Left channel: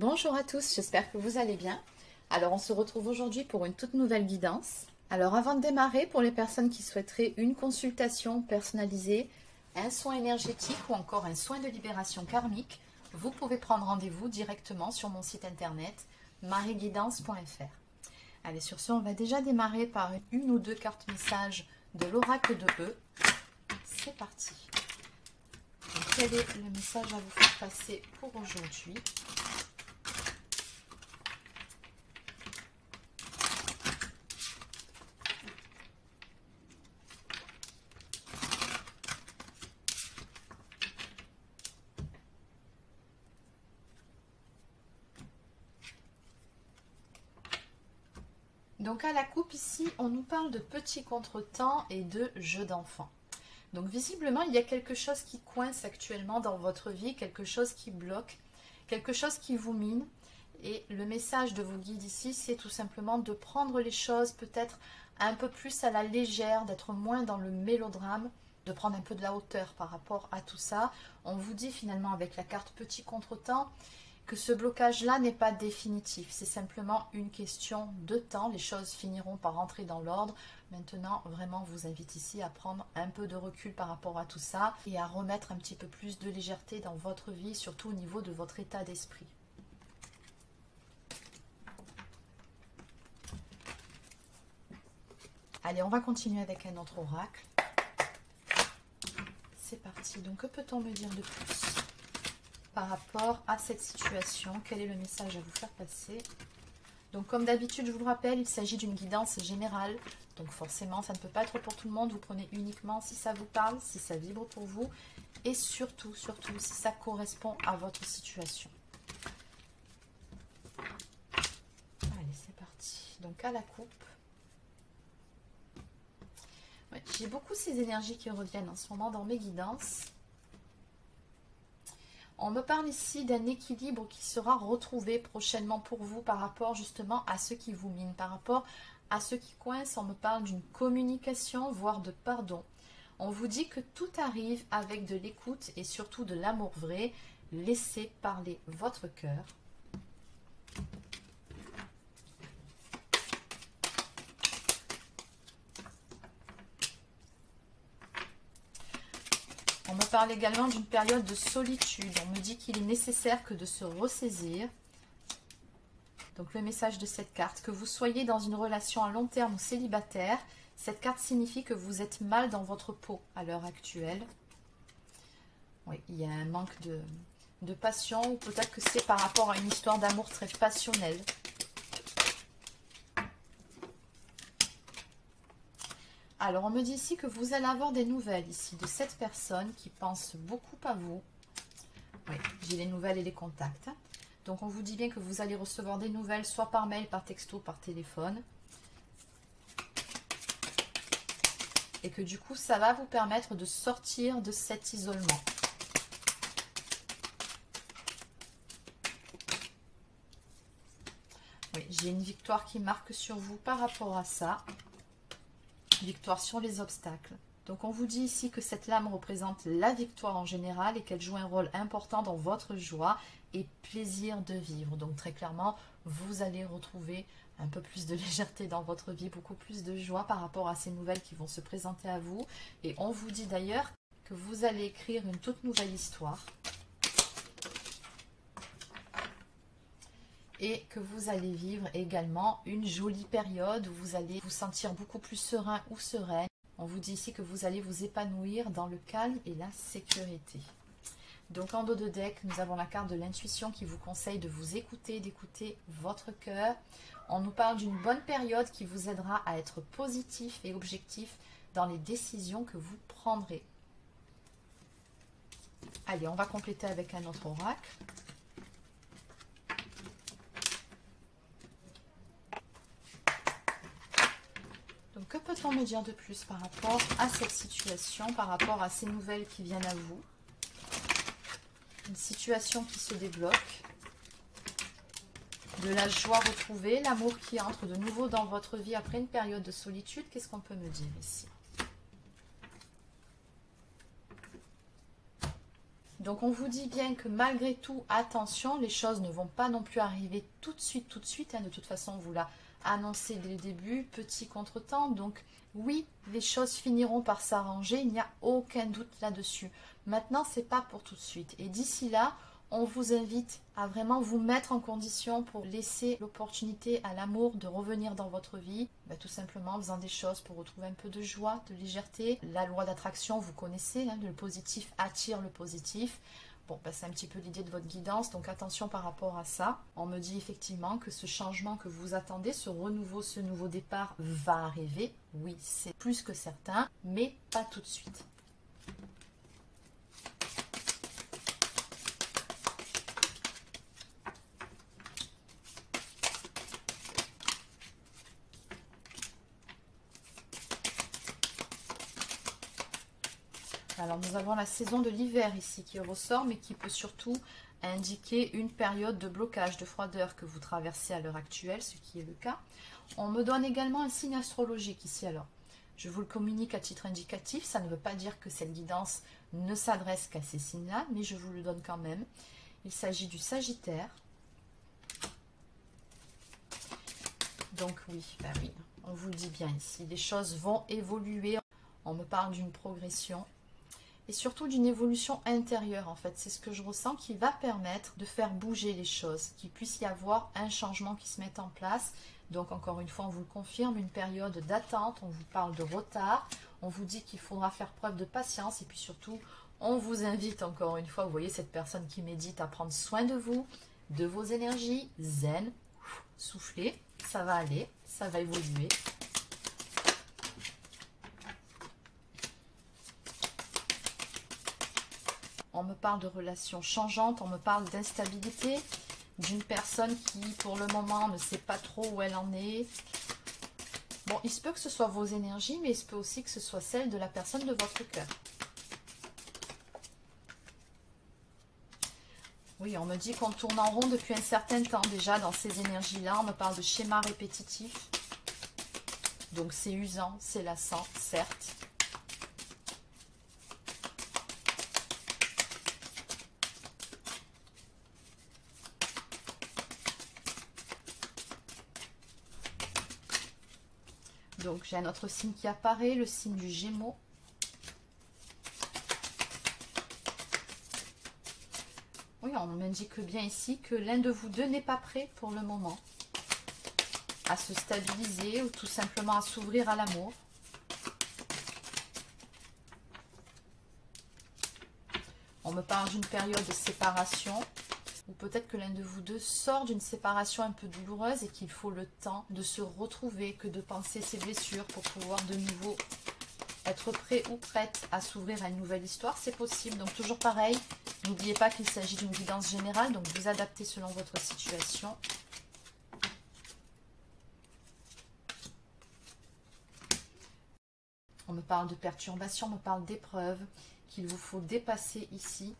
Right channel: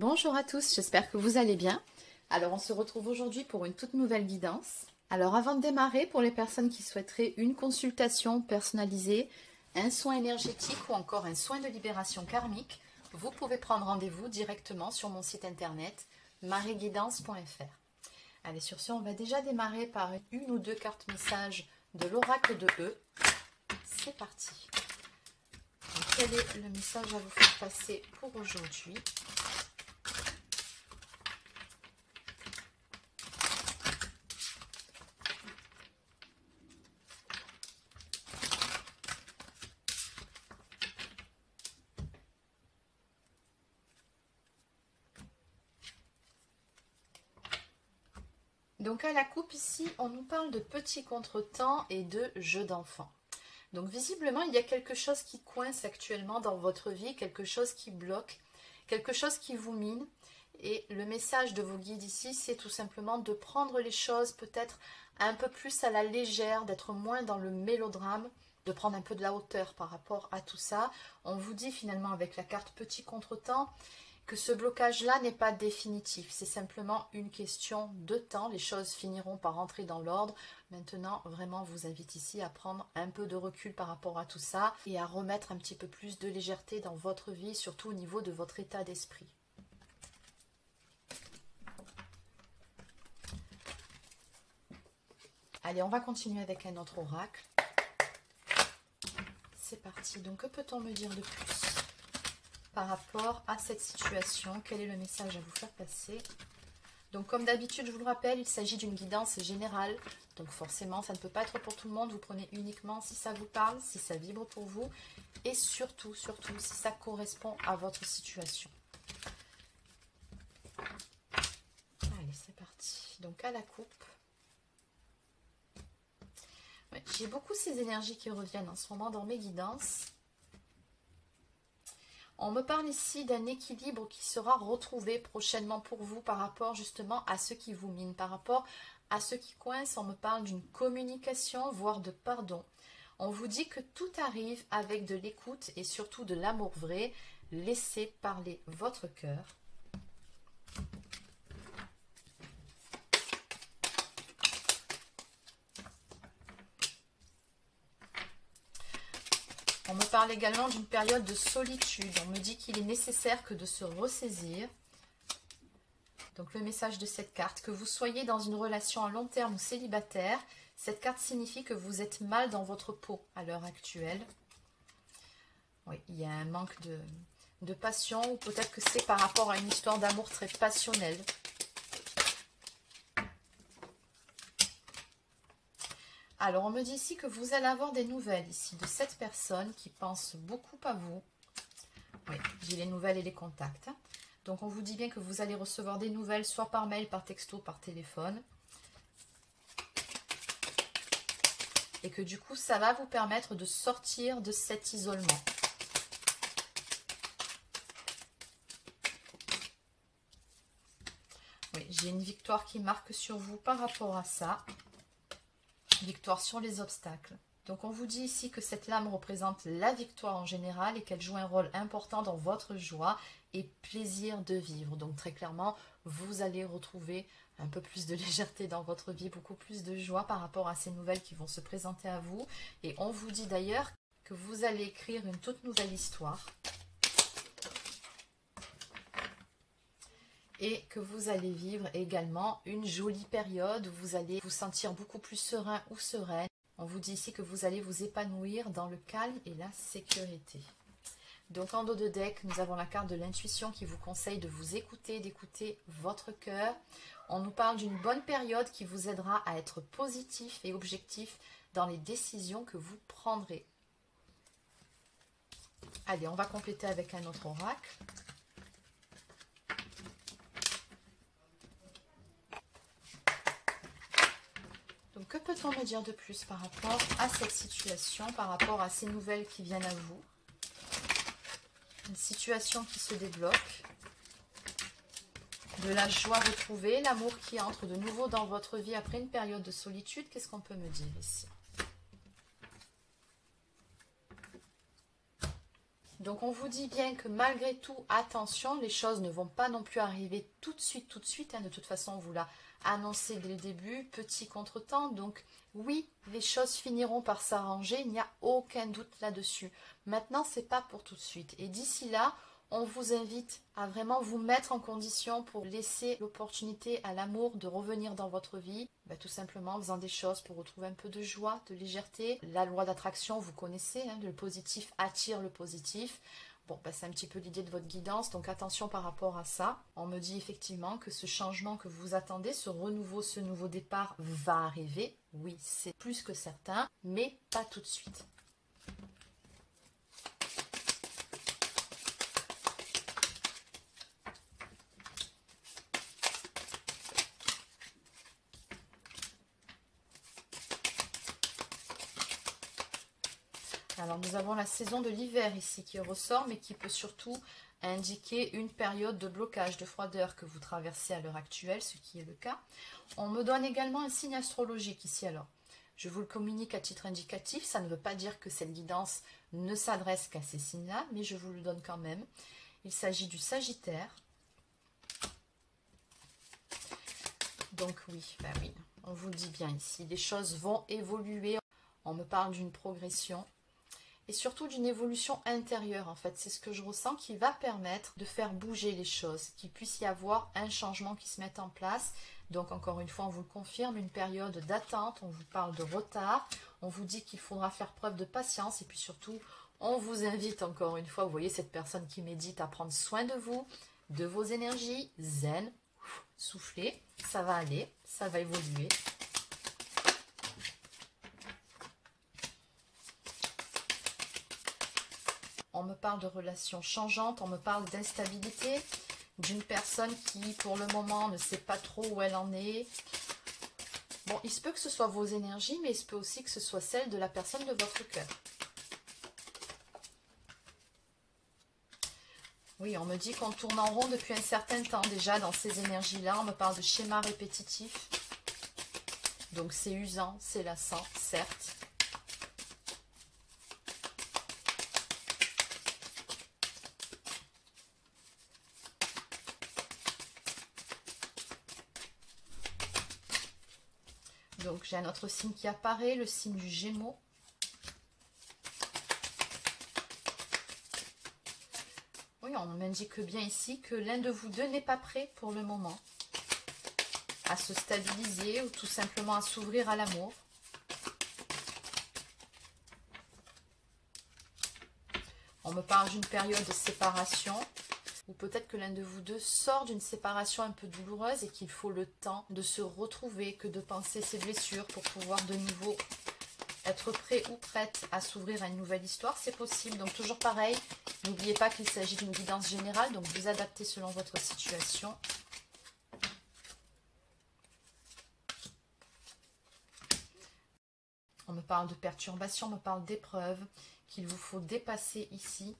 Bonjour à tous, j'espère que vous allez bien. Alors on se retrouve aujourd'hui pour une toute nouvelle guidance. Alors avant de démarrer, pour les personnes qui souhaiteraient une consultation personnalisée, un soin énergétique ou encore un soin de libération karmique, vous pouvez prendre rendez-vous directement sur mon site internet marieguidance.fr. Allez, sur ce, on va déjà démarrer par une ou deux cartes messages de l'oracle de E. C'est parti. Donc, quel est le message à vous faire passer pour aujourd'hui ? Donc à la coupe ici, on nous parle de petits contretemps et de jeux d'enfants. Donc visiblement, il y a quelque chose qui coince actuellement dans votre vie, quelque chose qui bloque, quelque chose qui vous mine. Et le message de vos guides ici, c'est tout simplement de prendre les choses peut-être un peu plus à la légère, d'être moins dans le mélodrame, de prendre un peu de la hauteur par rapport à tout ça. On vous dit finalement avec la carte petit contretemps que ce blocage-là n'est pas définitif, c'est simplement une question de temps, les choses finiront par entrer dans l'ordre. Maintenant, vraiment, je vous invite ici à prendre un peu de recul par rapport à tout ça et à remettre un petit peu plus de légèreté dans votre vie, surtout au niveau de votre état d'esprit. Allez, on va continuer avec un autre oracle. C'est parti, donc que peut-on me dire de plus par rapport à cette situation? Quel est le message à vous faire passer? Donc comme d'habitude, je vous le rappelle, il s'agit d'une guidance générale. Donc forcément, ça ne peut pas être pour tout le monde. Vous prenez uniquement si ça vous parle, si ça vibre pour vous. Et surtout, si ça correspond à votre situation. Allez, c'est parti. Donc à la coupe. Ouais, j'ai beaucoup ces énergies qui reviennent en ce moment dans mes guidances. On me parle ici d'un équilibre qui sera retrouvé prochainement pour vous par rapport justement à ce qui vous mine, par rapport à ce qui coince. On me parle d'une communication, voire de pardon. On vous dit que tout arrive avec de l'écoute et surtout de l'amour vrai. Laissez parler votre cœur. On me parle également d'une période de solitude. On me dit qu'il est nécessaire que de se ressaisir. Donc le message de cette carte, que vous soyez dans une relation à long terme ou célibataire, cette carte signifie que vous êtes mal dans votre peau à l'heure actuelle. Oui, il y a un manque de passion ou peut-être que c'est par rapport à une histoire d'amour très passionnelle. Alors, on me dit ici que vous allez avoir des nouvelles ici de cette personne qui pense beaucoup à vous. Oui, j'ai les nouvelles et les contacts. Donc, on vous dit bien que vous allez recevoir des nouvelles, soit par mail, par texto, par téléphone. Et que du coup, ça va vous permettre de sortir de cet isolement. Oui, j'ai une victoire qui marque sur vous par rapport à ça. Victoire sur les obstacles. Donc on vous dit ici que cette lame représente la victoire en général et qu'elle joue un rôle important dans votre joie et plaisir de vivre. Donc très clairement, vous allez retrouver un peu plus de légèreté dans votre vie, beaucoup plus de joie par rapport à ces nouvelles qui vont se présenter à vous. Et on vous dit d'ailleurs que vous allez écrire une toute nouvelle histoire. Et que vous allez vivre également une jolie période où vous allez vous sentir beaucoup plus serein ou sereine. On vous dit ici que vous allez vous épanouir dans le calme et la sécurité. Donc en dos de deck, nous avons la carte de l'intuition qui vous conseille de vous écouter, d'écouter votre cœur. On nous parle d'une bonne période qui vous aidera à être positif et objectif dans les décisions que vous prendrez. Allez, on va compléter avec un autre oracle. Que peut-on me dire de plus par rapport à cette situation, par rapport à ces nouvelles qui viennent à vous? Une situation qui se débloque, de la joie retrouvée, l'amour qui entre de nouveau dans votre vie après une période de solitude. Qu'est-ce qu'on peut me dire ici? Donc on vous dit bien que malgré tout, attention, les choses ne vont pas non plus arriver tout de suite. Hein. De toute façon, on vous l'a annoncé dès le début, petit contretemps. Donc oui, les choses finiront par s'arranger, il n'y a aucun doute là-dessus. Maintenant, c'est pas pour tout de suite. Et d'ici là, on vous invite à vraiment vous mettre en condition pour laisser l'opportunité à l'amour de revenir dans votre vie, tout simplement en faisant des choses pour retrouver un peu de joie, de légèreté. La loi d'attraction, vous connaissez, hein, le positif attire le positif. Bon, c'est un petit peu l'idée de votre guidance, donc attention par rapport à ça. On me dit effectivement que ce changement que vous attendez, ce renouveau, ce nouveau départ va arriver. Oui, c'est plus que certain, mais pas tout de suite. Alors nous avons la saison de l'hiver ici qui ressort, mais qui peut surtout indiquer une période de blocage, de froideur que vous traversez à l'heure actuelle, ce qui est le cas. On me donne également un signe astrologique ici. Alors, je vous le communique à titre indicatif, ça ne veut pas dire que cette guidance ne s'adresse qu'à ces signes-là, mais je vous le donne quand même. Il s'agit du Sagittaire. Donc oui, oui, on vous le dit bien ici, les choses vont évoluer. On me parle d'une progression. Et surtout d'une évolution intérieure, en fait. C'est ce que je ressens qui va permettre de faire bouger les choses, qu'il puisse y avoir un changement qui se mette en place. Donc, encore une fois, on vous le confirme, une période d'attente, on vous parle de retard, on vous dit qu'il faudra faire preuve de patience et puis surtout, on vous invite encore une fois, vous voyez cette personne qui médite, à prendre soin de vous, de vos énergies, zen, soufflez, ça va aller, ça va évoluer. On me parle de relations changeantes, on me parle d'instabilité, d'une personne qui, pour le moment, ne sait pas trop où elle en est. Bon, il se peut que ce soit vos énergies, mais il se peut aussi que ce soit celle de la personne de votre cœur. Oui, on me dit qu'on tourne en rond depuis un certain temps déjà dans ces énergies-là. On me parle de schéma répétitif. Donc c'est usant, c'est lassant, certes. Donc j'ai un autre signe qui apparaît, le signe du Gémeaux. Oui, on m'indique bien ici que l'un de vous deux n'est pas prêt pour le moment à se stabiliser ou tout simplement à s'ouvrir à l'amour. On me parle d'une période de séparation. Ou peut-être que l'un de vous deux sort d'une séparation un peu douloureuse et qu'il faut le temps de se retrouver, que de penser ses blessures pour pouvoir de nouveau être prêt ou prête à s'ouvrir à une nouvelle histoire. C'est possible. Donc toujours pareil, n'oubliez pas qu'il s'agit d'une guidance générale, donc vous adaptez selon votre situation. On me parle de perturbation, on me parle d'épreuves qu'il vous faut dépasser ici.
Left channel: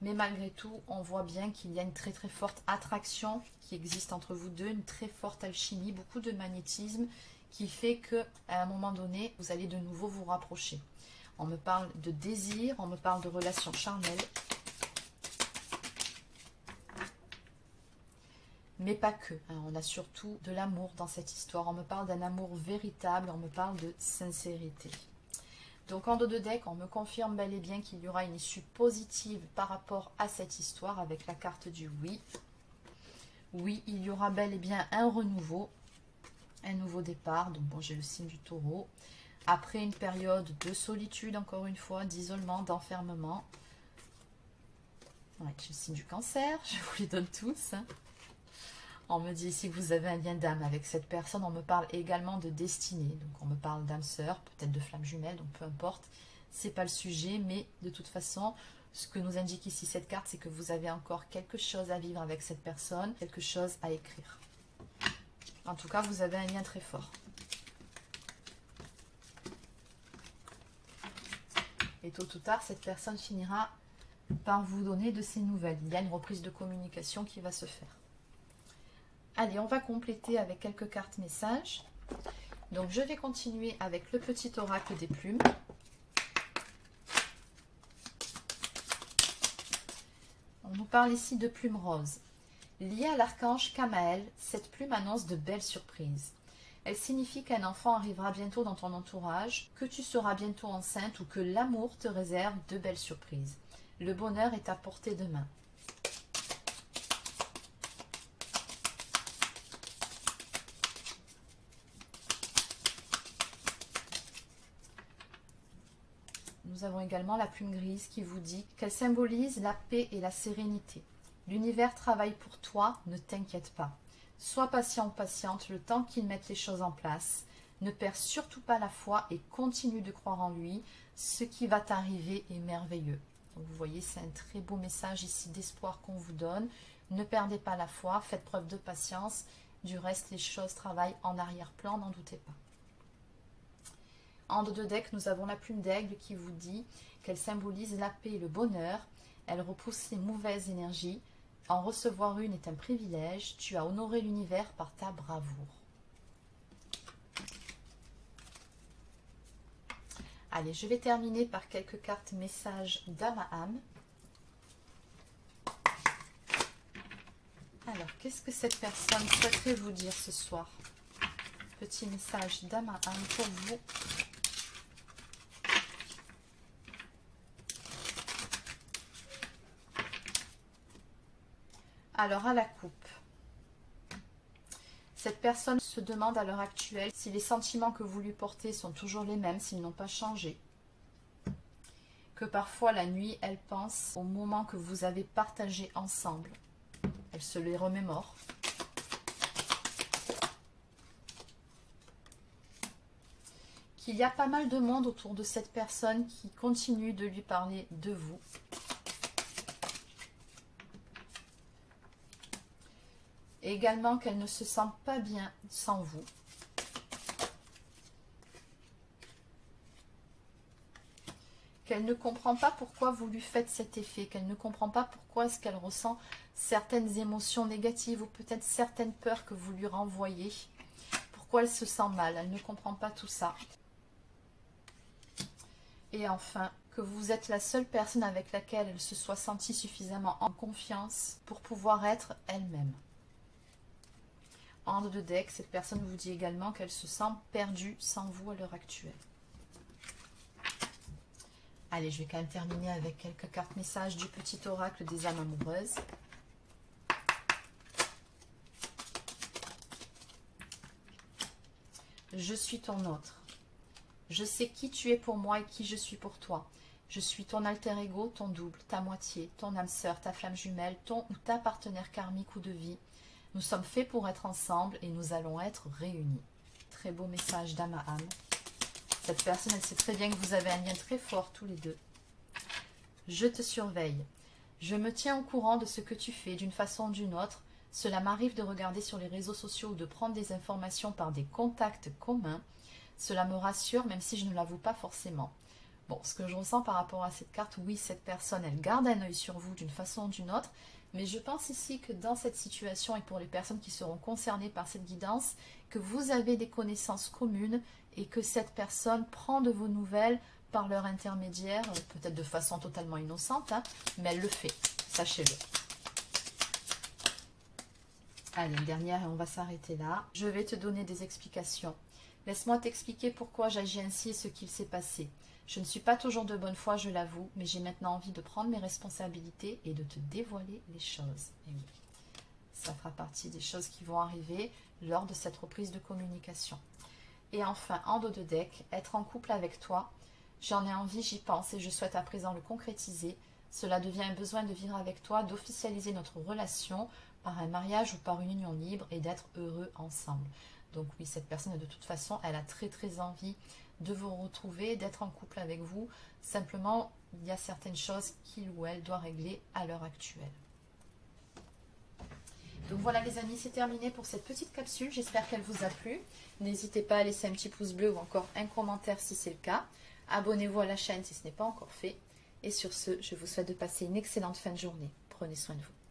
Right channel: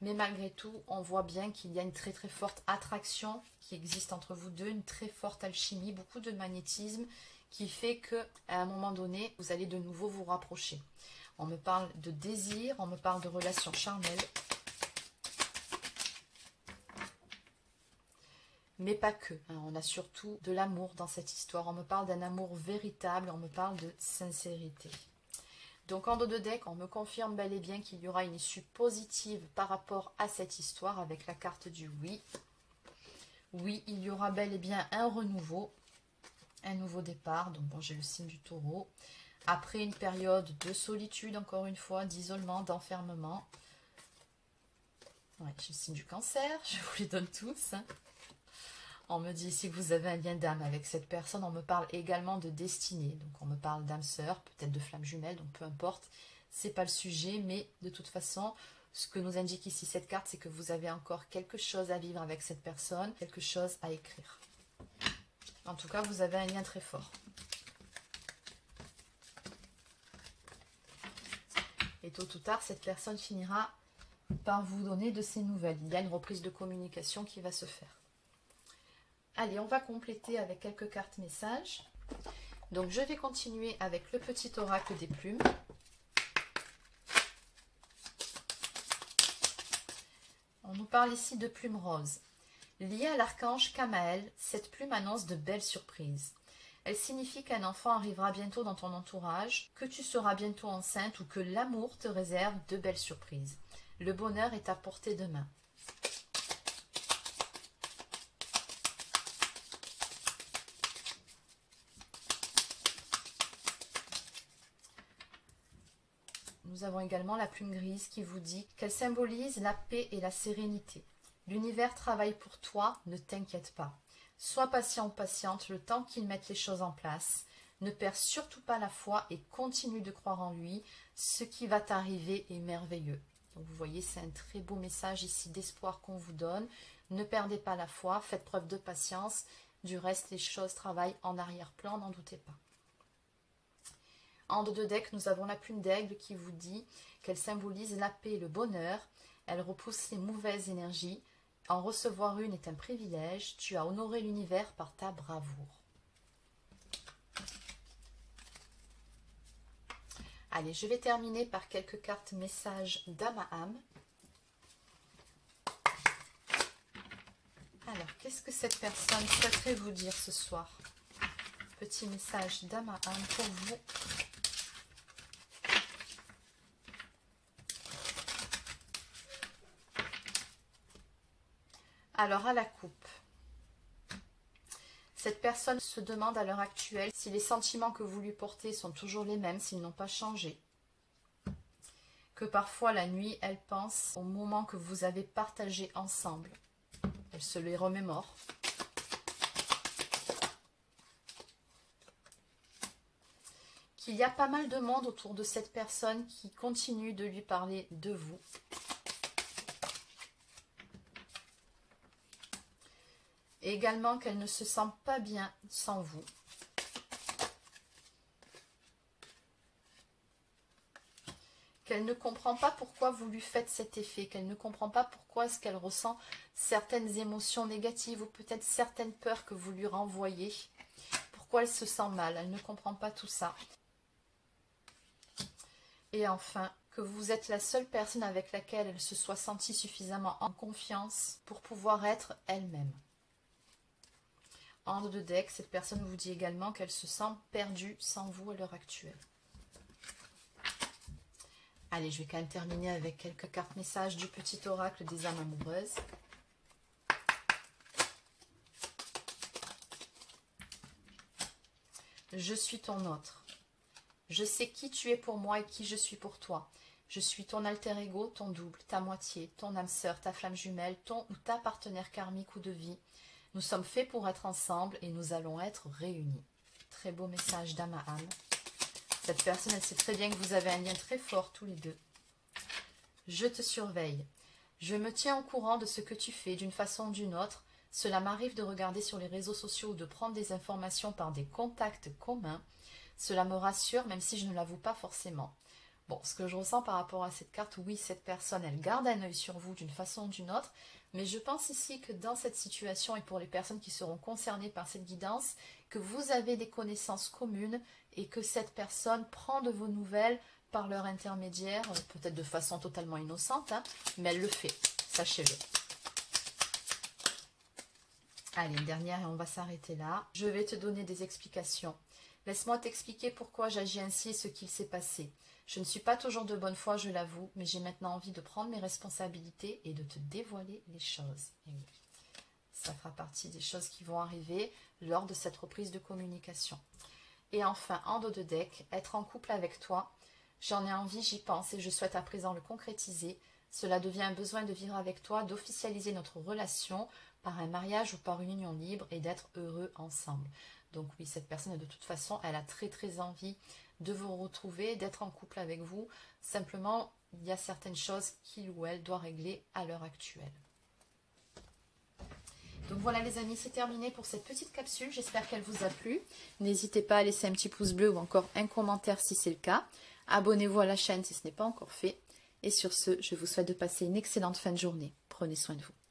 Mais malgré tout, on voit bien qu'il y a une très très forte attraction qui existe entre vous deux, une très forte alchimie, beaucoup de magnétisme qui fait qu'à un moment donné, vous allez de nouveau vous rapprocher. On me parle de désir, on me parle de relations charnelles. Mais pas que, hein, on a surtout de l'amour dans cette histoire. On me parle d'un amour véritable, on me parle de sincérité. Donc en dos de deck, on me confirme bel et bien qu'il y aura une issue positive par rapport à cette histoire avec la carte du oui. Oui, il y aura bel et bien un renouveau, un nouveau départ. Donc bon, j'ai le signe du Taureau. Après une période de solitude, encore une fois, d'isolement, d'enfermement. Ouais, j'ai le signe du Cancer, je vous les donne tous. Hein. On me dit ici que vous avez un lien d'âme avec cette personne. On me parle également de destinée. Donc on me parle d'âme sœur, peut-être de flamme jumelle, donc peu importe. C'est pas le sujet, mais de toute façon, ce que nous indique ici cette carte, c'est que vous avez encore quelque chose à vivre avec cette personne, quelque chose à écrire. En tout cas, vous avez un lien très fort. Et tôt ou tard, cette personne finira par vous donner de ses nouvelles. Il y a une reprise de communication qui va se faire. Allez, on va compléter avec quelques cartes messages. Donc, je vais continuer avec le petit oracle des plumes. parle ici de plume rose. Liée à l'archange Kamael, cette plume annonce de belles surprises. Elle signifie qu'un enfant arrivera bientôt dans ton entourage, que tu seras bientôt enceinte ou que l'amour te réserve de belles surprises. Le bonheur est à portée de main. Nous avons également la plume grise qui vous dit qu'elle symbolise la paix et la sérénité. L'univers travaille pour toi, ne t'inquiète pas. Sois patient ou patiente le temps qu'il mette les choses en place. Ne perds surtout pas la foi et continue de croire en lui. Ce qui va t'arriver est merveilleux. Donc vous voyez, c'est un très beau message ici d'espoir qu'on vous donne. Ne perdez pas la foi, faites preuve de patience. Du reste, les choses travaillent en arrière-plan, n'en doutez pas. En dos de deck, nous avons la plume d'aigle qui vous dit qu'elle symbolise la paix et le bonheur. Elle repousse les mauvaises énergies. En recevoir une est un privilège. Tu as honoré l'univers par ta bravoure. Allez, je vais terminer par quelques cartes messages d'âme à âme. Alors, qu'est-ce que cette personne souhaiterait vous dire ce soir? Petit message d'âme à âme pour vous. Alors, à la coupe, cette personne se demande à l'heure actuelle si les sentiments que vous lui portez sont toujours les mêmes, s'ils n'ont pas changé. Que parfois, la nuit, elle pense aux moments que vous avez partagés ensemble. Elle se les remémore. Qu'il y a pas mal de monde autour de cette personne qui continue de lui parler de vous. Et également qu'elle ne se sent pas bien sans vous. Qu'elle ne comprend pas pourquoi vous lui faites cet effet, qu'elle ne comprend pas pourquoi est-ce qu'elle ressent certaines émotions négatives ou peut-être certaines peurs que vous lui renvoyez. Pourquoi elle se sent mal, elle ne comprend pas tout ça. Et enfin, que vous êtes la seule personne avec laquelle elle se soit sentie suffisamment en confiance pour pouvoir être elle-même. En dos de deck, cette personne vous dit également qu'elle se sent perdue sans vous à l'heure actuelle. Allez, je vais quand même terminer avec quelques cartes messages du petit oracle des âmes amoureuses. Je suis ton autre. Je sais qui tu es pour moi et qui je suis pour toi. Je suis ton alter ego, ton double, ta moitié, ton âme sœur, ta flamme jumelle, ton ou ta partenaire karmique ou de vie. Nous sommes faits pour être ensemble et nous allons être réunis. Très beau message d'âme à âme. Cette personne, elle sait très bien que vous avez un lien très fort tous les deux. Je te surveille. Je me tiens au courant de ce que tu fais d'une façon ou d'une autre. Cela m'arrive de regarder sur les réseaux sociaux ou de prendre des informations par des contacts communs. Cela me rassure même si je ne l'avoue pas forcément. Bon, ce que je ressens par rapport à cette carte, oui, cette personne, elle garde un œil sur vous d'une façon ou d'une autre. Mais je pense ici que dans cette situation et pour les personnes qui seront concernées par cette guidance, que vous avez des connaissances communes et que cette personne prend de vos nouvelles par leur intermédiaire, peut-être de façon totalement innocente, hein, mais elle le fait, sachez-le. Allez, une dernière et on va s'arrêter là. Je vais te donner des explications. Laisse-moi t'expliquer pourquoi j'agis ainsi et ce qu'il s'est passé. Je ne suis pas toujours de bonne foi, je l'avoue, mais j'ai maintenant envie de prendre mes responsabilités et de te dévoiler les choses. Et oui, ça fera partie des choses qui vont arriver lors de cette reprise de communication. Et enfin, en dos de deck, être en couple avec toi. J'en ai envie, j'y pense et je souhaite à présent le concrétiser. Cela devient un besoin de vivre avec toi, d'officialiser notre relation par un mariage ou par une union libre et d'être heureux ensemble. Donc oui, cette personne, de toute façon, elle a très envie de vous retrouver, d'être en couple avec vous. Simplement, il y a certaines choses qu'il ou elle doit régler à l'heure actuelle. Donc voilà les amis, c'est terminé pour cette petite capsule. J'espère qu'elle vous a plu. N'hésitez pas à laisser un petit pouce bleu ou encore un commentaire si c'est le cas. Abonnez-vous à la chaîne si ce n'est pas encore fait. Et sur ce, je vous souhaite de passer une excellente fin de journée. Prenez soin de vous.